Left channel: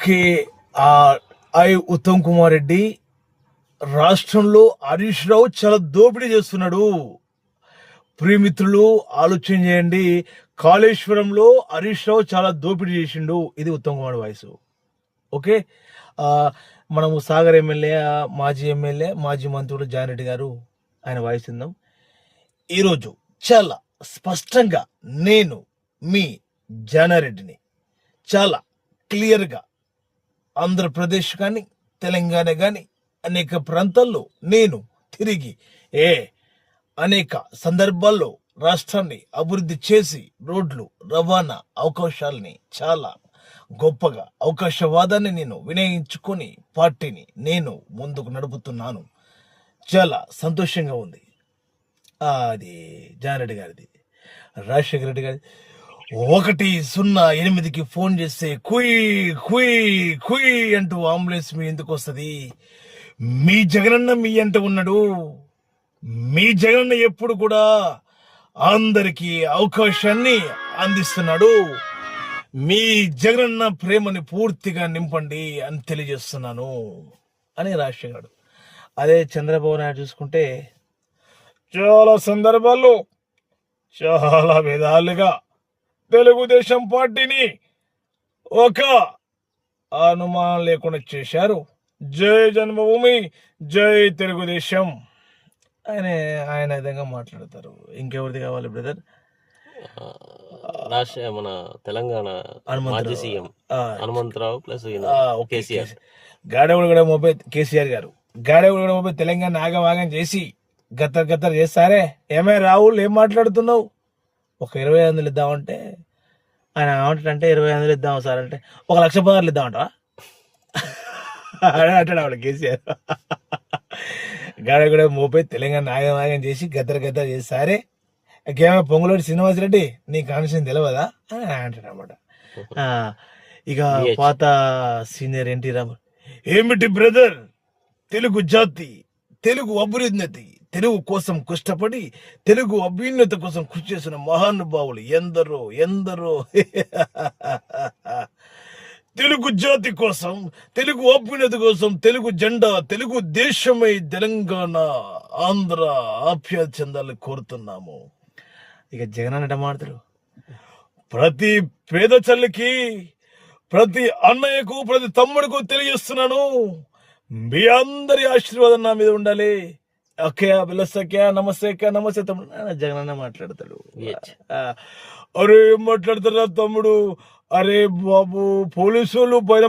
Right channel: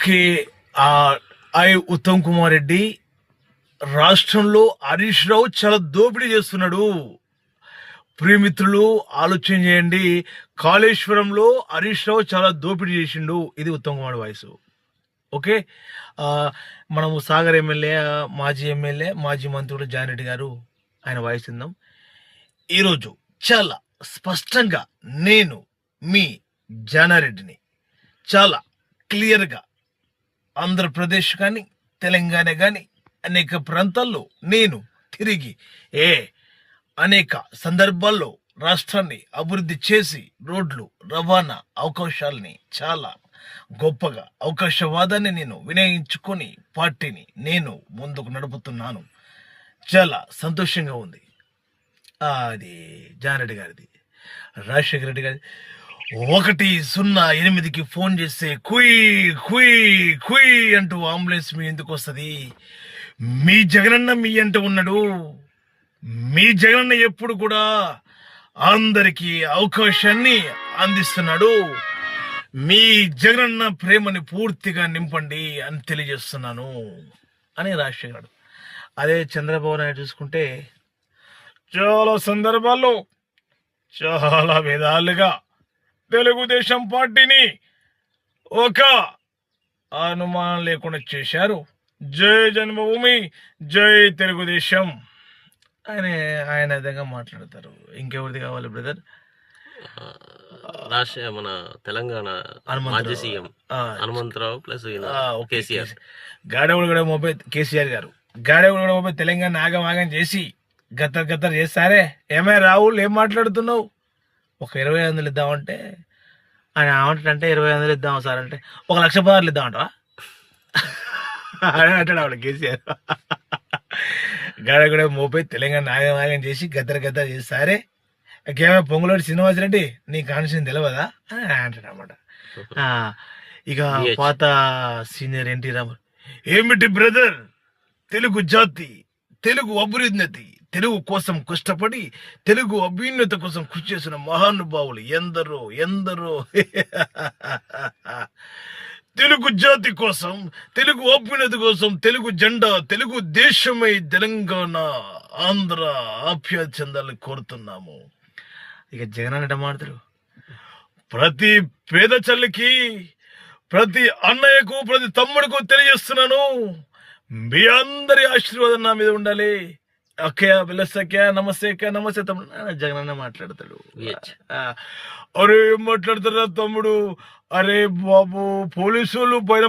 Okay. Uttam Kumar Reddy రాష్ట్రంలో హరీష్ రావు చాలా దోపిడీ చేస్తున్నాడు. ప్రియమిత్రులు ఆలోచన చేయండి. కాళేశ్వరంలో హరీష్ రావు చాలా దోపిడీ చేసిండు. ఇది ఉత్తమ్ కుమార్ వాయిస్. ఓకే. మనము సాగర్ ఎమ్మెల్యే, మాజీ మంత్రుడు జానరెడ్డి గారు ఆయన వాయిస్ విందాం. ఈరోజు చాలా స్పష్టంగా నేను మీ జానారెడ్డిని చాలా క్లియర్గా ఆంధ్రప్రదేశ్ కానీ తెలంగాణ కానీ అనేక ప్రాంతాల్లో నేను తిరిగి అనేక సందర్భాల్లో రాష్ట్రాన్ని అభివృద్ధి చేసి రోడ్లు రవాణా అవకాశాలని చాలా గొప్పగా అవకాశవాదాన్ని నేను వినియోగించుకొని పార్టీని నేను ముందుకు నడుపుతున్నాను. చాలా సంతోషంగా ఉంది. అది జానరెడ్డి గారిది. రాజశేఖర రెడ్డి గారి 108కి ఫోన్ చేస్తే కుయ్ కుయ్ కుయ్ అంటూ అంబులెన్స్ మీ ఎందుకు వస్తుంది? మీ జగనన్న మీ అంటూ ఉన్నాడు. మీ జగనన్న ఎప్పుడు కూడా అందరికీ అవకాశాన్ని అందిస్తున్నాడు. మీ జగనన్న ప్రేమని పూర్తిగా నింపండి అని తెలియజేస్తున్నాను అని రాజశేఖర్. అదే చంద్రబాబు నాయుడు చూసుకుంటే చాలా సందర్భాల్లో చాలా విధాలుగా తెలుగుదేశం పార్టీని ఒక అనుమానం లేకుండా చేశారు. జై జన్మభూమి, జై తెలుగుదేశం అని ఆయన విధంగా మాట్లాడతారు. ఇంకెవరిది కావాలి బ్రదర్? మన తెలంగాణ మాజీ సీఎం హనుమంతరావు ప్లస్ కేసీఆర్. గాడెవుడు కూడా మోపే కేసీఆర్ గారు గాడెవుడు కూడా మోపే తెలంగాణ ఆగం చేసి గత్తర్ చేస్తారే. ఏమే రాహుల్, ఏం మాట్లాడుతున్నావు? ఒక 25,000 ఇద్దామంటే ఆయన ఏమంటాడంటే 25,000 ఇద్దాం సార్ అంటే 1,16,000 ఇద్దామంటా అంటాడు ఆవిడ కేసీఆర్. గాడ కూడా మోపై తెలంగాణ ఆగం చేసి గద్దర్ చేస్తారే. ఇంకేమైనా పొంగులోటి శ్రీనివాసరెడ్డి నీ కాన్షియన్ తెలియదా అని అంటాడు అనమాట. ఇక పాత సీనియర్ ఎన్టీ రామారావు, ఏమిటి బ్రదర్, తెలుగు జాతి, తెలుగు అభివృద్ధి, తెలుగు కోసం కష్టపడి తెలుగు అభ్యున్నత కోసం కృషి చేసిన మహానుభావులు ఎందరో తెలుగు జాతి కోసం, తెలుగు అభ్యున్నతి కోసం, తెలుగు జెండా, తెలుగు దేశమై తెలంగాణ ఆంధ్ర ఆప్యాయత చెందాలని కోరుతున్నాము. ఇక జగన్ అన్నట మాట్లాడు, ప్రతి పేద చల్లికి, ప్రతి అన్నయ్యకు, ప్రతి తమ్ముడికు తెలియజేస్తున్నాను, మీ అందరి ఆశీర్వాదం నా మీద ఉండాలి. ఓకే బిల్లసక్యా, నమస్తే తమ్ముడు. జగన్ అన్న మాట్లాడతాడు. అరే ఏం మాట్లాడతారా తమ్ముడు? అరే బాబు, పోలీసు వాళ్ళు పైన